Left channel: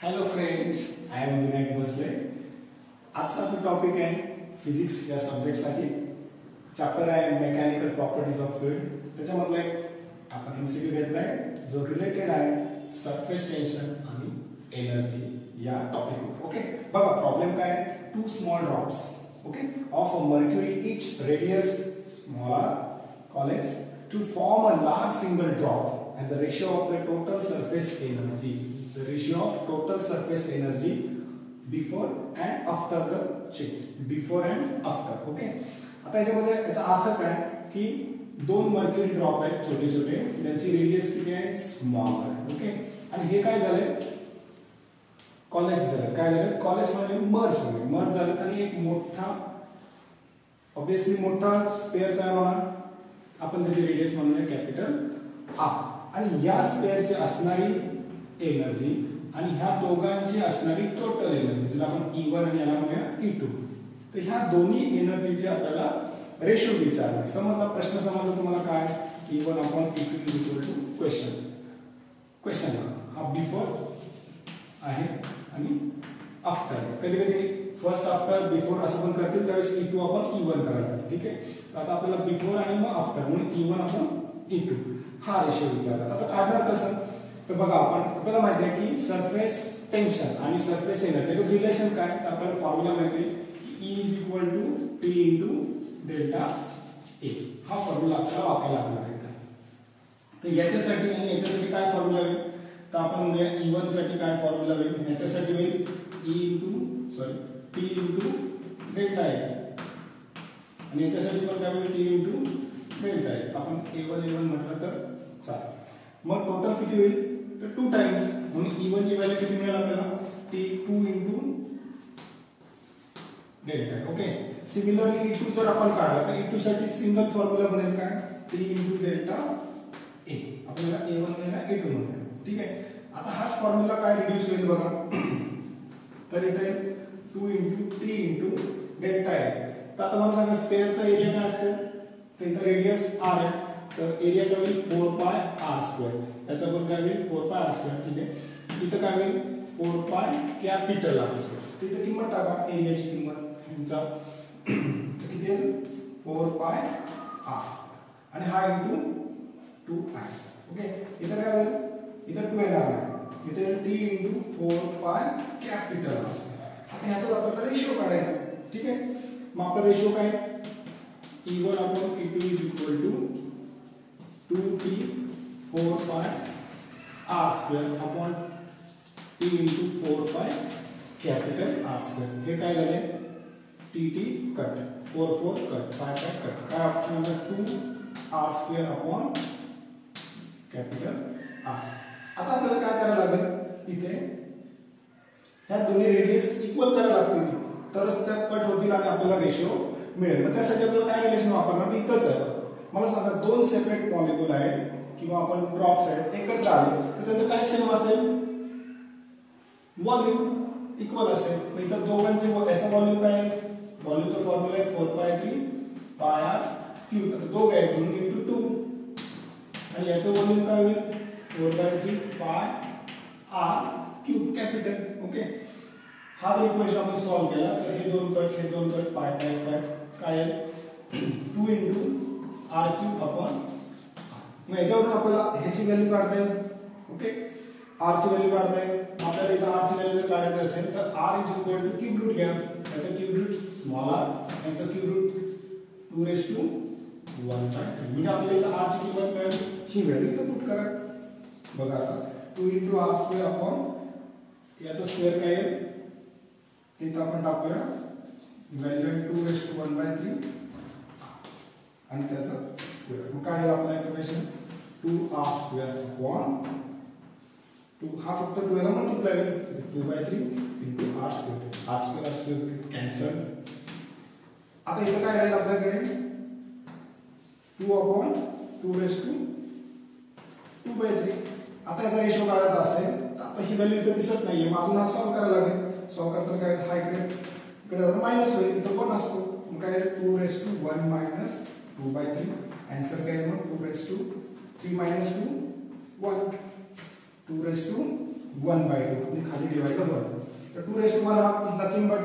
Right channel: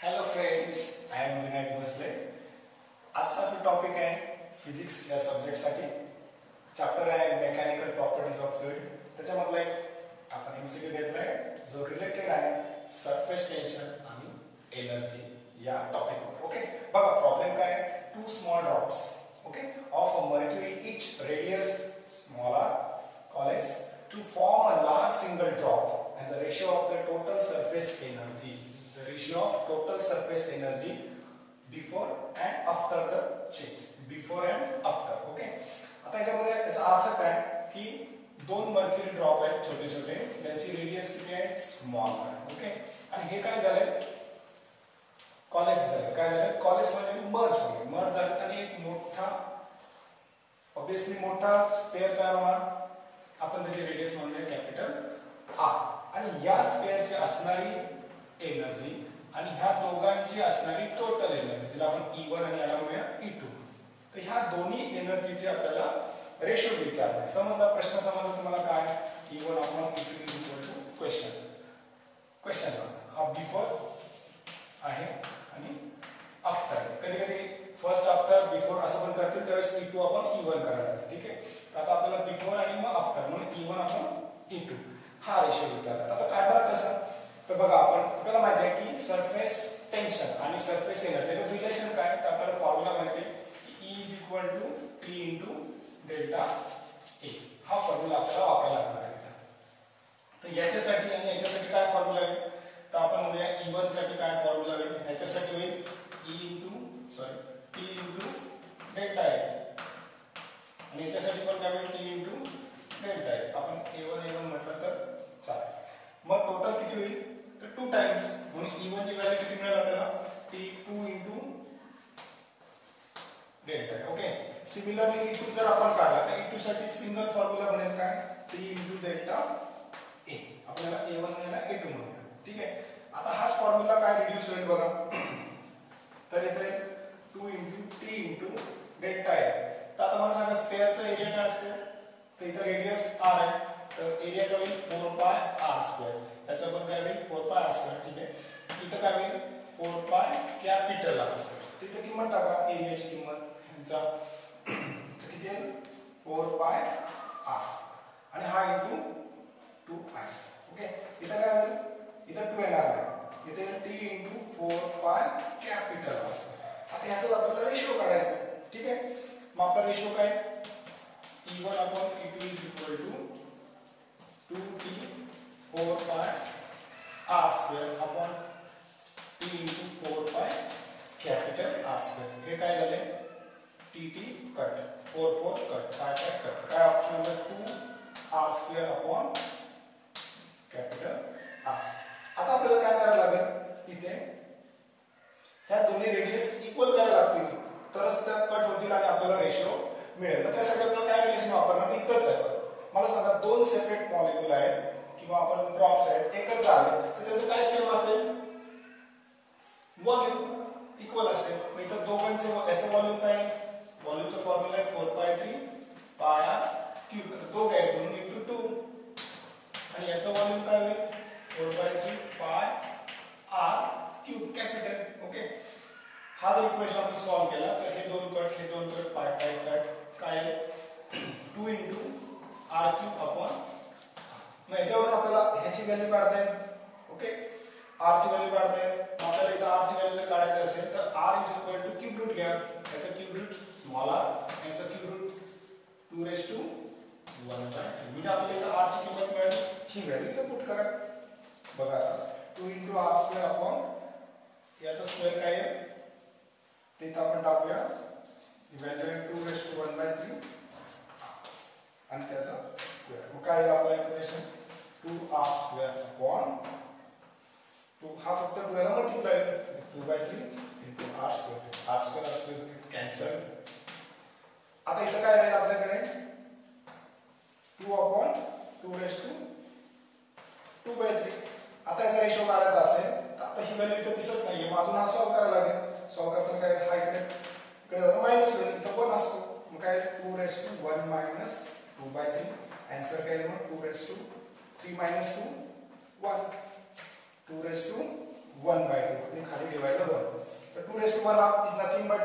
Hello friends, I am Vinayak Bhosale. आजचा आपला topic आहे फिजिक्स या सब्जेक्टसाठी. चॅप्टर आहे मेकॅनिकल प्रॉपर्टीज ऑफ फ्लुइड. त्याच्यामधला एक आपण एमसीक्यू घेतलाय जो रिलेटेड आहे सरफेस टेन्शन आणि एनर्जी या टॉपिक. ओके, बघा प्रॉब्लेम काय आहे. 2 small drops okay of a mercury each radius smaller called to form a large single drop and the ratio of the total surface energy. The ratio of total surface energy before and after the change. Before and after. Okay. आता याच्यामध्ये याचा अर्थ काय की 2 mercury drop आहेत छोटे छोटे, त्यांची रेडियस किती आहे स्मॉल आहे. ओके, आणि हे काय झालंय कॉलेज झालं. काय झालं कॉलेज मध्ये मर्ज झाले आणि एक मोठा ऑब्वियसली मोठा स्पेअर तयार होणार. आपण त्याची रेडियस म्हणूया कॅपिटल आर. आणि या स्पेअरची असणारी एनर्जी आणि ह्या दोघांची असणारी टोटल एनर्जी जिला आपण E1 आणि याला म्हणूया E2. तर ह्या दोन्ही एनर्जीचे आपल्याला रेशो विचारला. समजला प्रश्न समजला तुम्हाला काय E1 upon E2 equal to question हा बिफोर आहे आणि आफ्टर. कधी कधी फर्स्ट आफ्टर बिफोर असं पण करतील त्यावेळेस E2 अपॉन E1 करायला. ठीक आहे, तर आता आपल्याला बिफोर आणि मग आफ्टर म्हणून E1 अपॉन E2 हा रेशो विचारला. आता काढणार कसं तर बघा आपल्याला माहिती आहे की सरफेस टेन्शन आणि सरफेस एनर्जी रिलेशन काय तर आपल्याला फॉर्म्युला माहिती आहे की E is equal to T into delta a. हा फॉर्म्युला आपल्याला वापरायला लागणार आहे. तर याच्यासाठी आणि याच्यासाठी काय फॉर्म्युला आहे तर आपण म्हणूया E1 साठी काय फॉर्म्युला आहे. याच्यासाठी होईल T इंटू डेल्टा ए आणि याच्यासाठी पण काय होईल T इंटू डेल्टा ए. आपण A1 म्हटलं तर चालेल. मग टोटल किती होईल तर 2 टाइम्स म्हणून E1 ची व्हॅल्यू किती मिळेल आपल्याला T2 into delta. Okay, similarly E2 जर आपण काढला तर E2 साठी सिंगल फॉर्म्युला बनेल काय T इंटू डेल्टा ए. आपल्याला A1 आणि याला A2 म्हणूया. ठीक आहे, आता हाच फॉर्म्युला काय रिड्यूस होईल बघा. तर इथे 2 इंटू T इंटू डेल्टा ए. तर आता मला सांगा स्पेअरचा एरिया काय असतो तर इथे रेडियस r आहे तर एरिया काय होईल 4 पाय r स्क्वेअर. त्याचा पण काय होईल 4 पाय r स्क्वेअर. ठीक आहे, इथं काय होईल 4 पाय कॅपिटल r स्क्वेअर. तिथे किंमत टाका एरियाची किंमत ह्याचा किती आहे 4 पाय r आणि हा इंटू 2i. ओके, इथं काय होईल इथं 2 येणार नाही, इथे T into 4 pi capital r square. आता ह्याचा आपल्याला रेशो काढायचा. ठीक आहे, मग आपला रेशो काय E1 upon E2 is equal to 2T 4 पाय r square upon T into 4 pi capital r square. हे काय झाले TT कट 4 कट पाय कट. काय ऑप्शन म्हणजे 2r square upon capital r. आता आपल्याला काय करायला लागेल इथे ह्या दोन्ही रेडियस इक्वल करायला लागतील तरच त्या कट होतील आणि आपल्याला रेशो मिळेल. मग त्यासाठी आपण काय रिलेशन वापरणार इथंच आहे. मला सांगा 2 सेपरेट मॉलिक्यूल आहेत किंवा आपण ड्रॉप्स आहेत एकत्र आले तर त्याचं काय सेम असेल व्हॉल्यूम इक्वल असेल. मग इथं दोघांचे याचं व्हॉल्यूम काय व्हॉल्यूमचा फॉर्म्युला आहे 4π3 πr क्यूब. आता दोघं आहेत म्हणून इंटू 2 आणि याचं व्हॉल्यूम काय होईल 4π3 πr क्यूब कॅपिटल. ओके, हा जर इक्वेशन आपण सॉल्व्ह केला तर हे दोन कट पाय कट काय 2 इंटू r क्यूब अपॉन. मग याच्यावरून आपल्याला ह्याची व्हॅल्यू काढता येईल. ओके, r ची व्हॅल्यू काढता येईल. आपल्याला इथं r ची व्हॅल्यू जर काढायची असेल तर r is equal to cube root घ्या. याचा क्यूब रूट स्मॉल r, याचा क्यूब रूट 2⁻1/3. म्हणजे आपल्याला इथं r ची किंमत मिळेल. ही व्हॅल्यू इथं पुट करा. बघा आता 2 इंटू r स्क्वेअर अपॉन याचा स्क्वेअर काय आहे ते इथं आपण टाकूया. व्हॅल्यू आहे 2⁻1/3 आणि त्याचा स्क्वेअर. मग काय आपला इक्वेशन 2r स्क्वेअर अपॉन 2 हा फक्त 2 ला multiply 2/3 into r square cancel. आता इथं काय राहील आपल्याकडे 2 अपॉन 2⁻2/3. आता याचा रेशो काढायचा असेल तर आता ही व्हॅल्यू इथे दिसत नाहीये. मग अजून हा सॉल्व्ह करायला लागेल. सॉल्व्ह करताना काय हा इकडे मायनस होईल इथं 1 असतो. मग काय 2⁻1 मायनस 2/3. आन्सर काय मग 2⁻3 मायनस 2 1 2 raised to 1/2 आणि खाली डिवाइड 1. तर 2 raised to 1 half is nothing but